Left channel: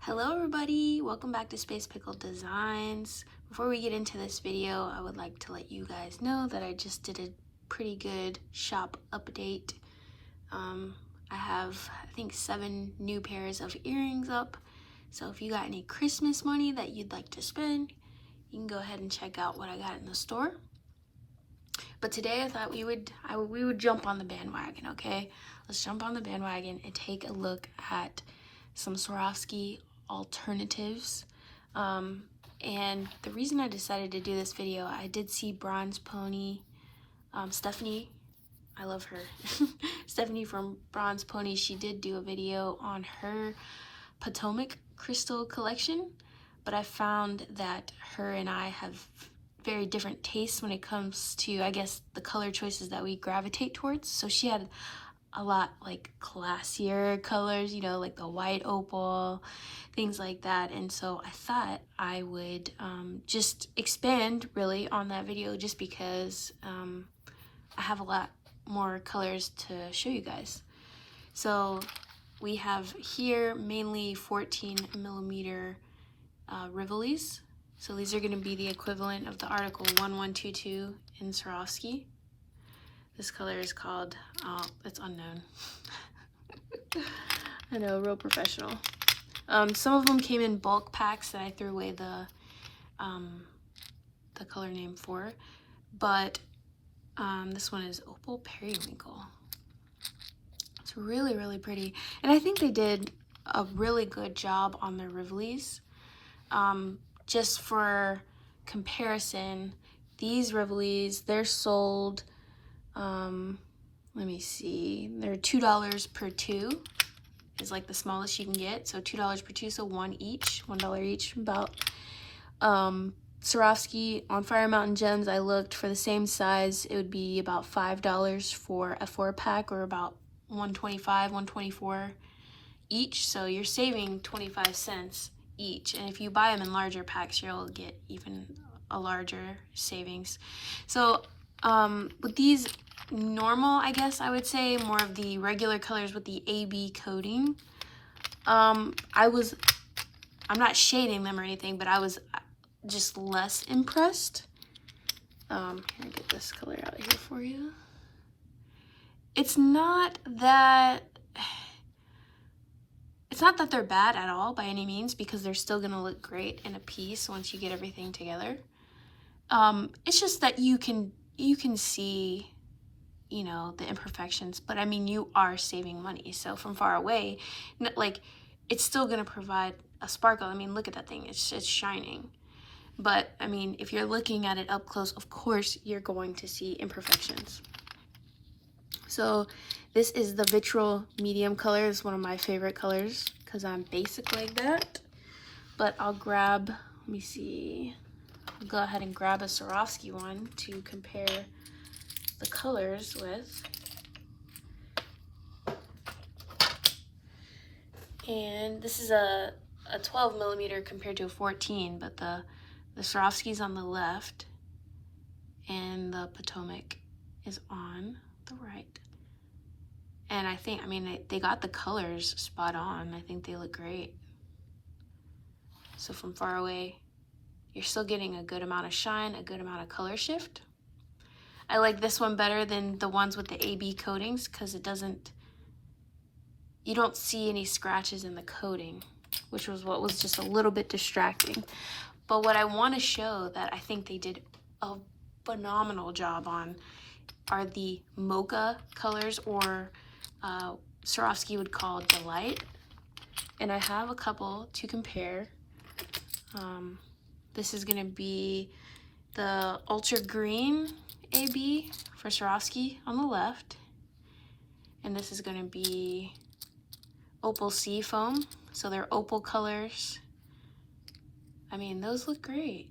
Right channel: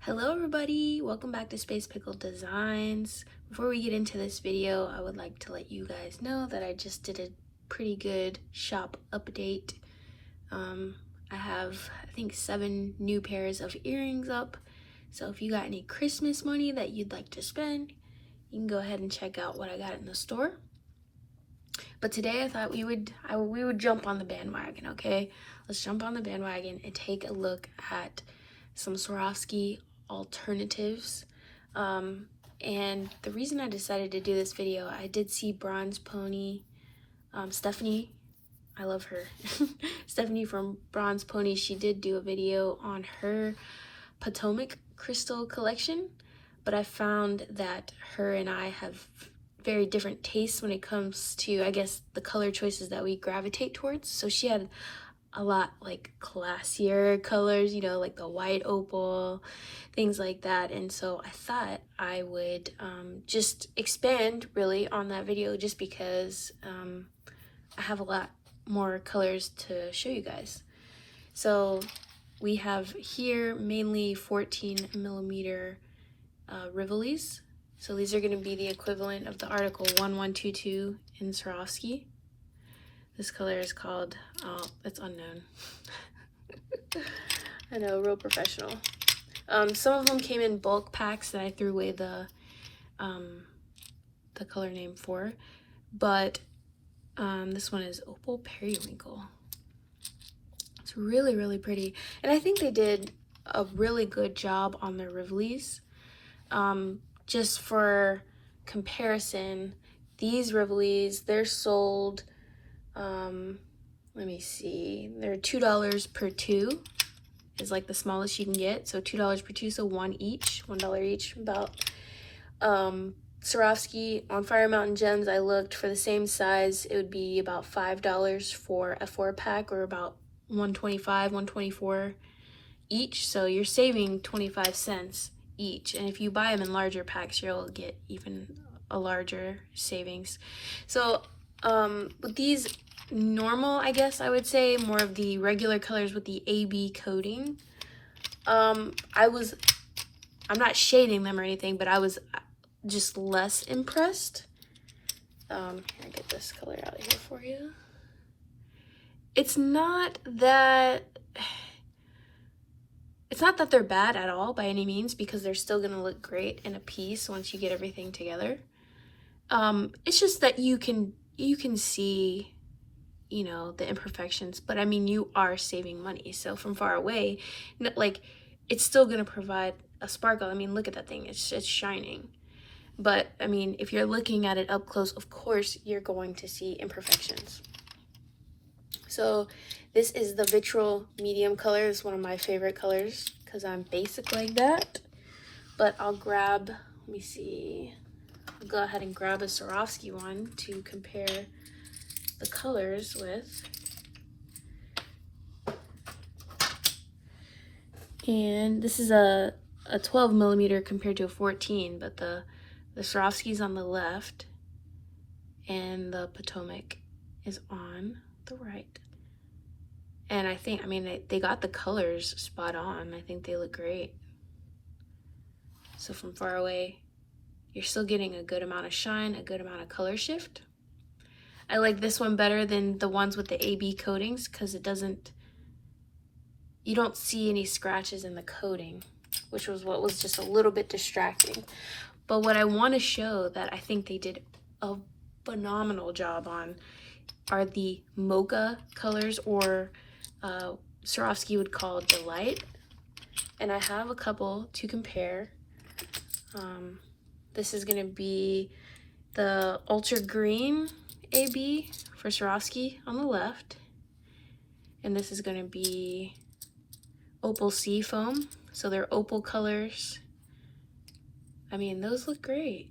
Hello everybody, welcome back to Space Pickle Designs. Before we get into this video, I would like to let you guys know that I just did a pretty good shop update. I have, I think, 7 new pairs of earrings up. So if you got any Christmas money that you'd like to spend, you can go ahead and check out what I got in the store. But today I thought we would jump on the bandwagon, okay? Let's jump on the bandwagon and take a look at some Swarovski alternatives. And the reason I decided to do this video, I did see Bronzepony, Stephanie, I love her. Stephanie from Bronzepony, she did do a video on her Potomac crystal collection, but I found that her and I have very different tastes when it comes to, I guess, the color choices that we gravitate towards. So she had a lot like classier colors, you know, like the white opal, things like that. And so I thought I would just expand really on that video, just because I have a lot more colors to show you guys. So we have here mainly 14mm Rivolis. So these are going to be the equivalent of the article 1122 in Swarovski. This color is called, it's unknown. I know, real professional. Some of them came in bulk packs that I threw away the color name for, but this one is Opal Periwinkle. It's really, really pretty. And I think they did a really good job on their Rivolis. Just for comparison, these Rivolis, they're sold, let me see, they're $2 per two, is like the smallest you can get. So $2 per two, so $1 each, about. Swarovski on Fire Mountain Gems, I looked for the same size, it would be about $5 for a 4-pack, or about $1.25, $1.24 each. So you're saving 25 cents each, and if you buy them in larger packs, you'll get even a larger savings. So with these normal, I guess I would say, more of the regular colors with the AB coating, I'm not shading them or anything, but I was just less impressed. I'll get this color out of here for you. It's not that they're bad at all by any means, because they're still gonna look great in a piece once you get everything together. It's just that you can see, you know, the imperfections, but I mean, you are saving money. So from far away, like, it's still gonna provide a sparkle. I mean, look at that thing, it's shining. But I mean, if you're looking at it up close, of course you're going to see imperfections. So this is the Vitriol medium color. It's one of my favorite colors because I'm basic like that. But I'll grab, let me see, I'll go ahead and grab a Swarovski one to compare the colors with. And this is a 12mm compared to a 14, but the Swarovski's on the left and the Potomac is on the right. And I think, I mean, they got the colors spot on. I think they look great. So from far away, you're still getting a good amount of shine, a good amount of color shift. I like this one better than the ones with the AB coatings, because you don't see any scratches in the coating, which was what was just a little bit distracting. But what I want to show that I think they did a phenomenal job on are the mocha colors, or Swarovski would call Delight. And I have a couple to compare. This is going to be the Ultra Green AB for Swarovski on the left. And this is going to be Opal Sea Foam. So they're opal colors. I mean, those look great.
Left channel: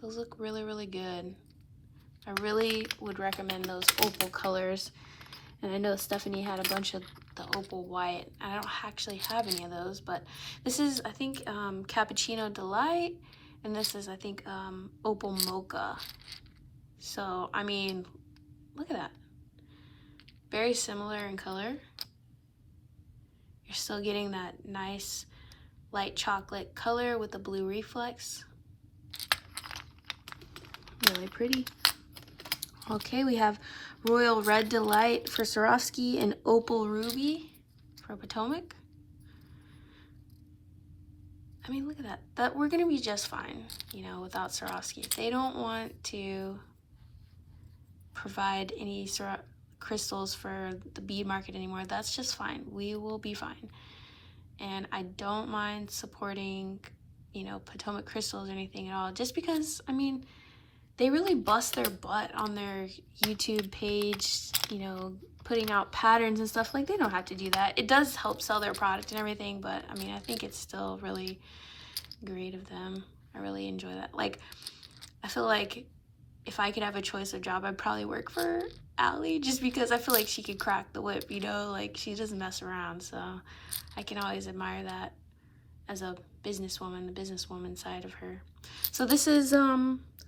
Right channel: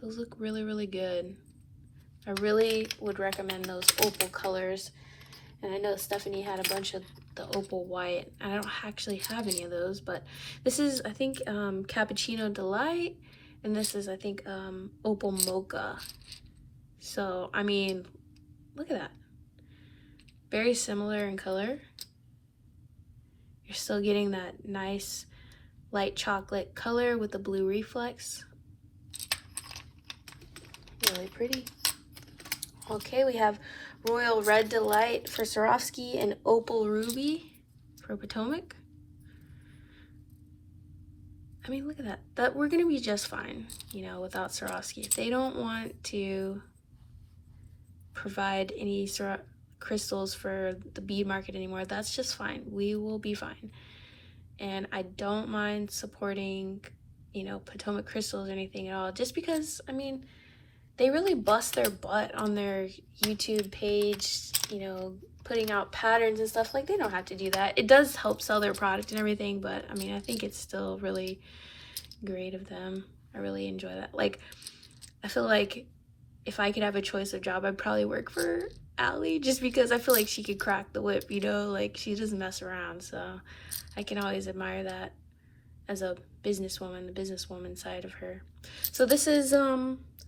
Those look really, really good. I really would recommend those opal colors. And I know Stephanie had a bunch of the opal white. I don't actually have any of those, but this is, I think, Cappuccino Delight, and this is, I think, Opal Mocha. So, I mean, look at that. Very similar in color. You're still getting that nice light chocolate color with the blue reflex. Really pretty. Okay, we have Royal Red Delight for Swarovski and Opal Ruby for Potomac. I mean, look at that. That we're gonna be just fine, you know, without Swarovski. If they don't want to provide any crystals for the bead market anymore, that's just fine. We will be fine. And I don't mind supporting, you know, Potomac crystals or anything at all, just because, I mean, they really bust their butt on their YouTube page, you know, putting out patterns and stuff. Like, they don't have to do that. It does help sell their product and everything, but I mean, I think it's still really great of them. I really enjoy that. Like, I feel like if I could have a choice of job, I'd probably work for Allie, just because I feel like she could crack the whip, you know, like she doesn't mess around. So I can always admire that as a businesswoman, the businesswoman side of her. So this is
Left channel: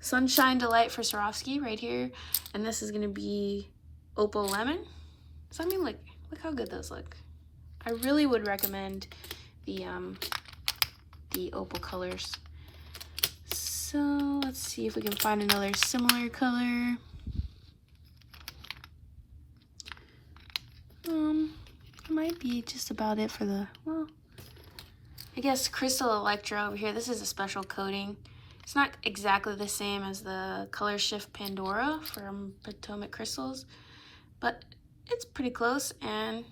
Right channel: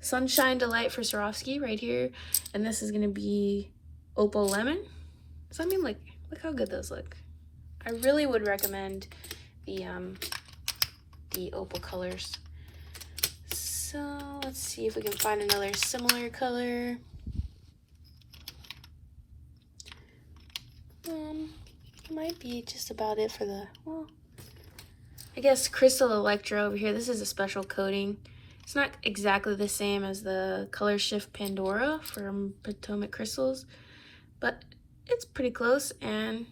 Sunshine Delight for Swarovski right here, and this is gonna be Opal Lemon. So I mean, like, look how good those look. I really would recommend the opal colors. So let's see if we can find another similar color. Might be just about it for the, well, I guess Crystal Electra over here. This is a special coating. It's not exactly the same as the Color Shift Pandora from Potomac Crystals, but it's pretty close, and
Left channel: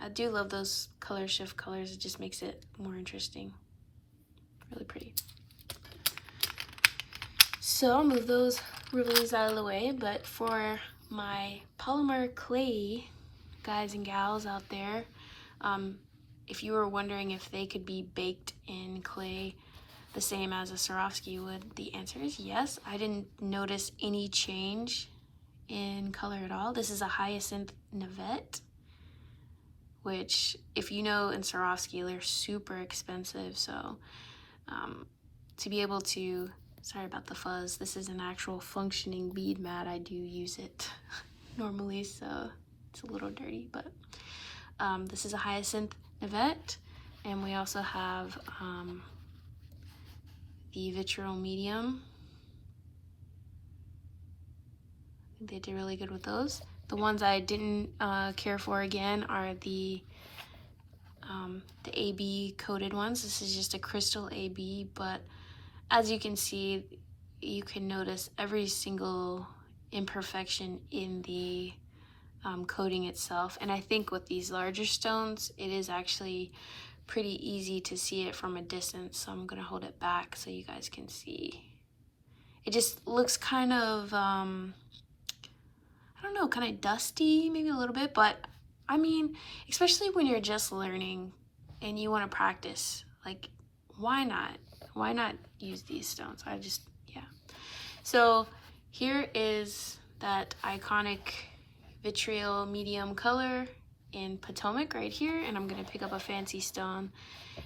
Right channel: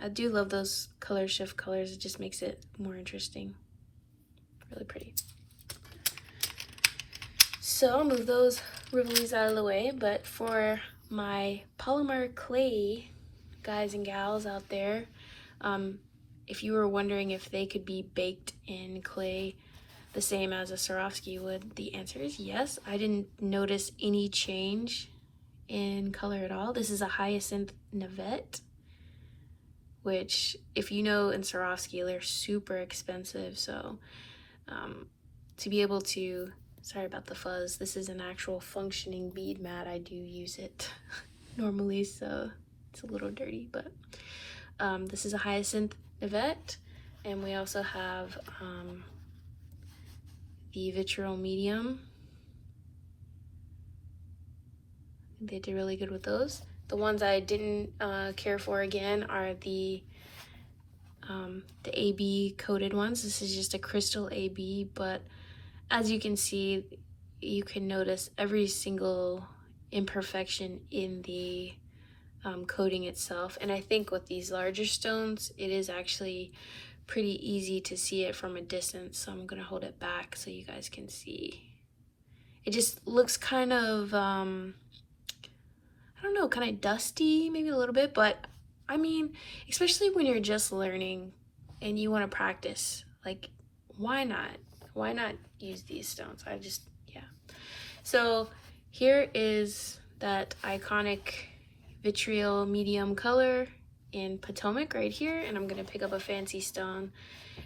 I do love those color shift colors. It just makes it more interesting. Really pretty. So I'll move those rubies out of the way, but for my polymer clay guys and gals out there, if you were wondering if they could be baked in clay the same as a Swarovski would, the answer is yes. I didn't notice any change in color at all. This is a Hyacinth Navette, which, if you know, in Swarovski, they're super expensive. So to be able to, sorry about the fuzz, this is an actual functioning bead mat. I do use it normally, so it's a little dirty, but this is a Hyacinth Navette, and we also have the Vitriol Medium. They did really good with those. The ones I didn't care for again are the AB coated ones. This is just a crystal AB, but as you can see, you can notice every single imperfection in the coating itself. And I think with these larger stones, it is actually pretty easy to see it from a distance. So I'm gonna hold it back so you guys can see. It just looks kind of, I don't know, kind of dusty, maybe a little bit, but I mean, especially when you're just learning and you want to practice, like, why not? Why not use these stones? Yeah. So here is that iconic Vitriol medium color in Potomac right here, and I'm gonna pick up a fancy stone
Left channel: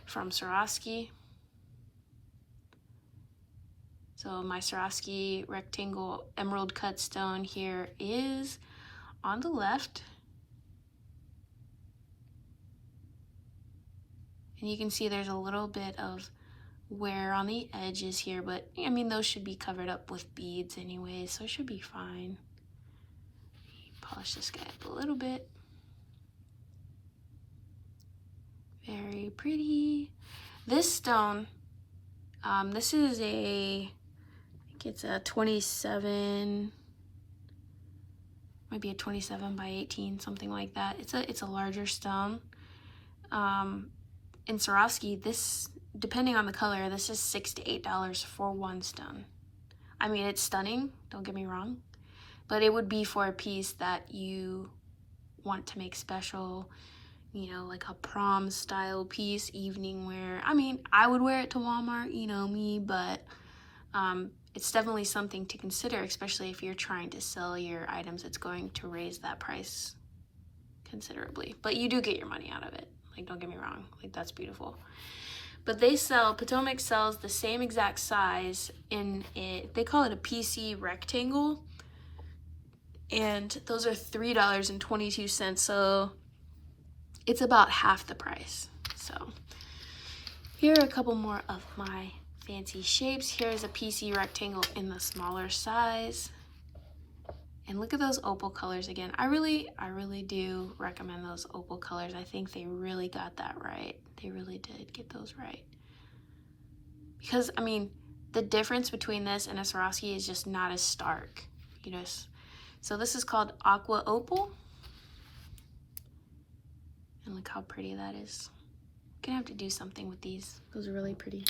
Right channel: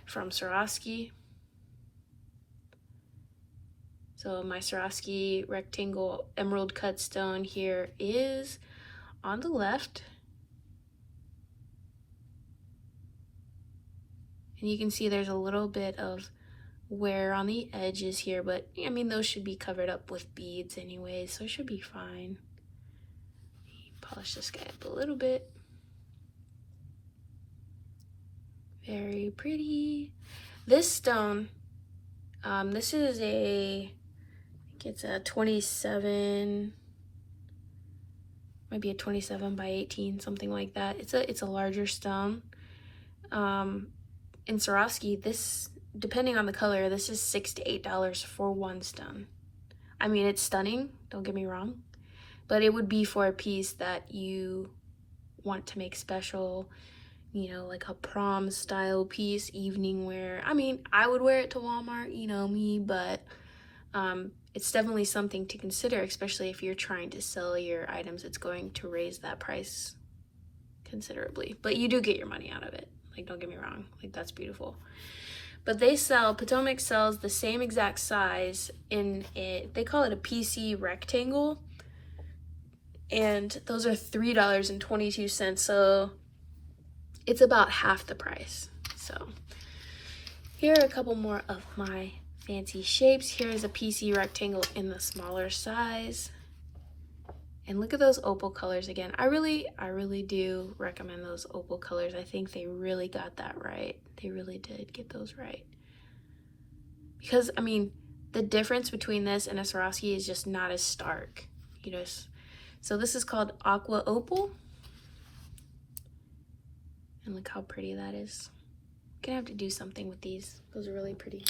from Swarovski. So my Swarovski rectangle emerald cut stone here is on the left. And you can see there's a little bit of wear on the edges here, but I mean, those should be covered up with beads anyway, so it should be fine. Polish this guy up a little bit. Very pretty. This stone, this is I think it's a 27, might be a 27 by 18, something like that. It's a larger stone. In Swarovski, this, depending on the color, this is $6 to $8 for one stone. I mean, it's stunning, don't get me wrong, but it would be for a piece that you want to make special, you know, like a prom style piece, evening wear. I mean, I would wear it to Walmart, you know me, but it's definitely something to consider, especially if you're trying to sell your items. It's going to raise that price considerably, but you do get your money out of it. Like, don't get me wrong, like, that's beautiful. But Potomac sells the same exact size in they call it a PC rectangle. and those are $3.22, so it's about half the price. So here are a couple more of my fancy shapes. Here's a PC rectangle in the smaller size. And look at those opal colors again. I really do recommend those opal colors. I think they really got that right. They really did get those right. Because, I mean, the difference between this and a Swarovski is just not as stark. You know, so this is called Aqua Opal. And look how pretty that is. Gonna have to do something with these. Those are really pretty.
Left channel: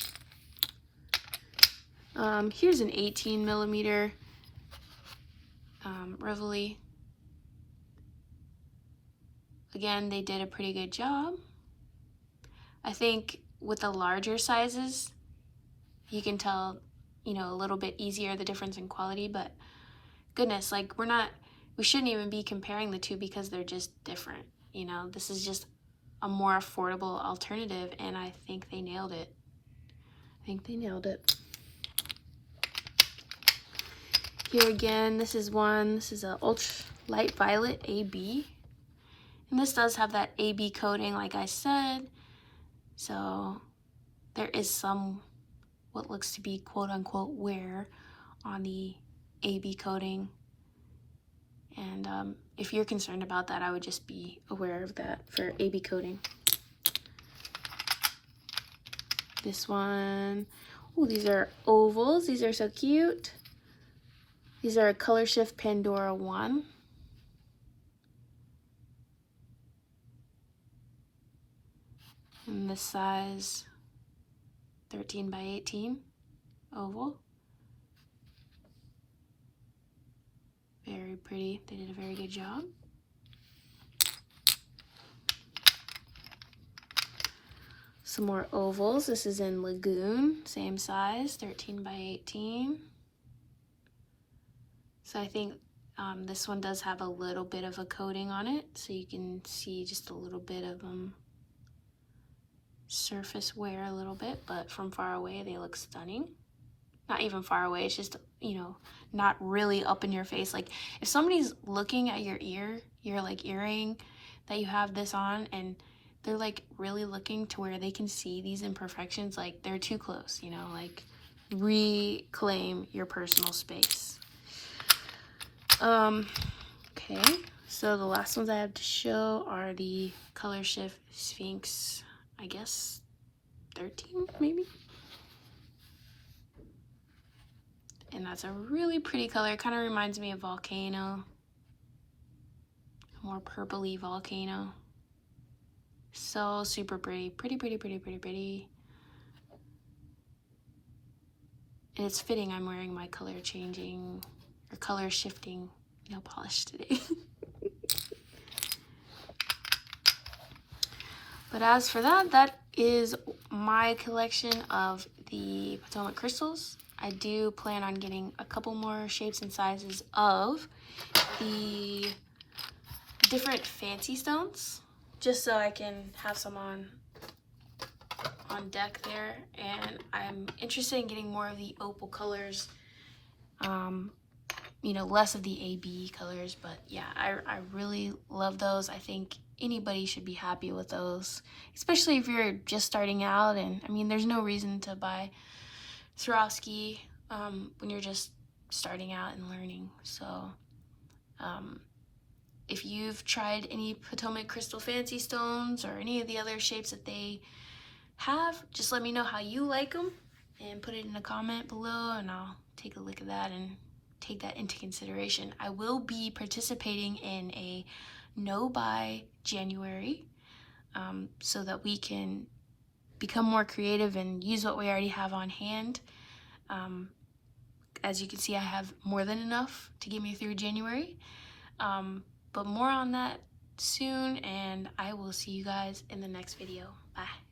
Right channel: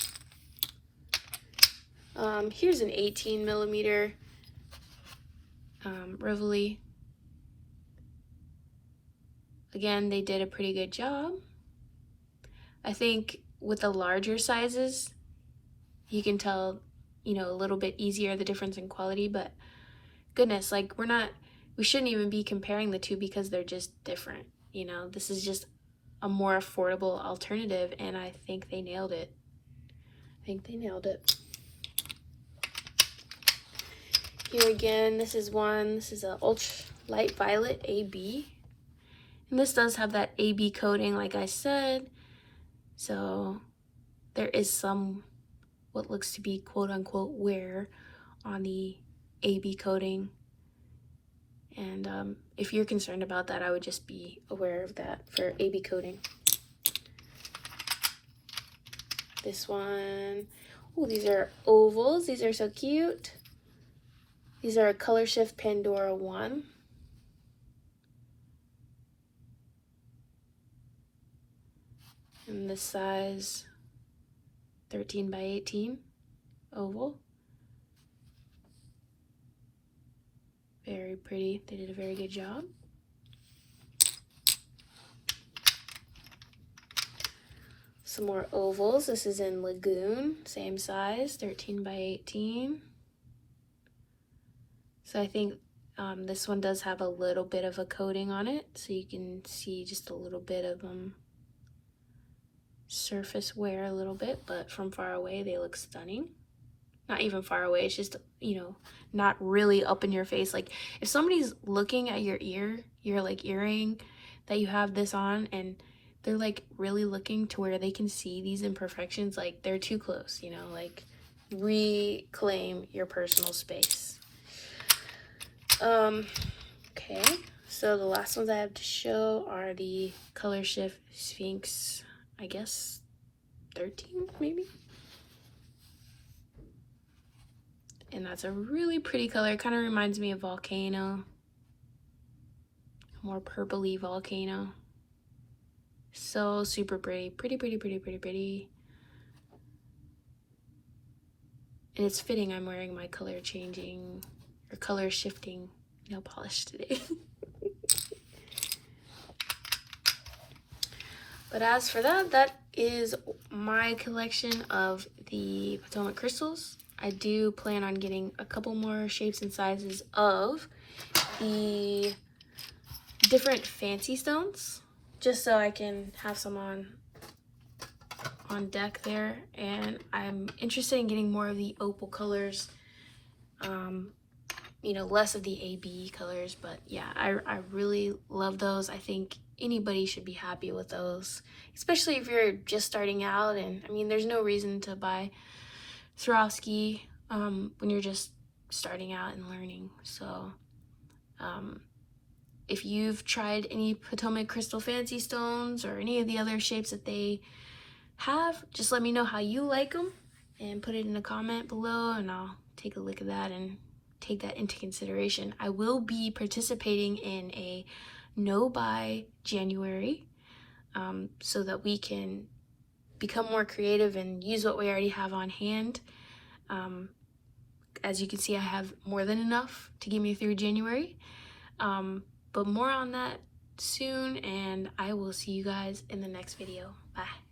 Here's an 18 millimeter Rivoli. Again, they did a pretty good job. I think with the larger sizes, you can tell, you know, a little bit easier the difference in quality, but goodness, like we shouldn't even be comparing the two because they're just different. You know, this is just a more affordable alternative, and I think they nailed it. I think they nailed it. Here again, this is a ultra light violet AB. And this does have that AB coating, like I said. So there is some what looks to be quote unquote wear on the AB coating. And if you're concerned about that, I would just be aware of that for AB coating. This one, oh, these are ovals. These are so cute. These are Color Shift Pandora 1. And this size 13 by 18 oval. Very pretty. They did a very good job. Some more ovals. This is in Lagoon, same size, 13 by 18. So I think this one does have a little bit of a coating on it, so you can see just a little bit of surface wear a little bit, but from far away they look stunning. Not even far away, it's just, you know, not really up in your face. Like if somebody's looking at your like earring that you have this on, and they're like really looking to where they can see these imperfections, like they're too close, you know, like reclaim your personal space. Okay, so the last ones I have to show are the Color Shift Sphinx, I guess 13 maybe. And that's a really pretty color. It kind of reminds me of Volcano, a more purpley Volcano. So super pretty, pretty. And it's fitting I'm wearing my color changing or color shifting nail polish today. But as for that, that is my collection of the Potomac crystals. I do plan on getting a couple more shapes and sizes of the different fancy stones, just so I can have some on deck there. And I'm interested in getting more of the opal colors, you know, less of the AB colors. But yeah, I really love those. I think anybody should be happy with those, especially if you're just starting out. And I mean, there's no reason to buy Swarovski when you're just starting out and learning. So if you've tried any Potomac crystal fancy stones or any of the other shapes that they have, just let me know how you like them and put it in a comment below, and I'll take a look at that and take that into consideration. I will be participating in a no buy January, so that we can become more creative and use what we already have on hand. As you can see, I have more than enough to get me through January, but more on that soon, and I will see you guys in the next video. Bye.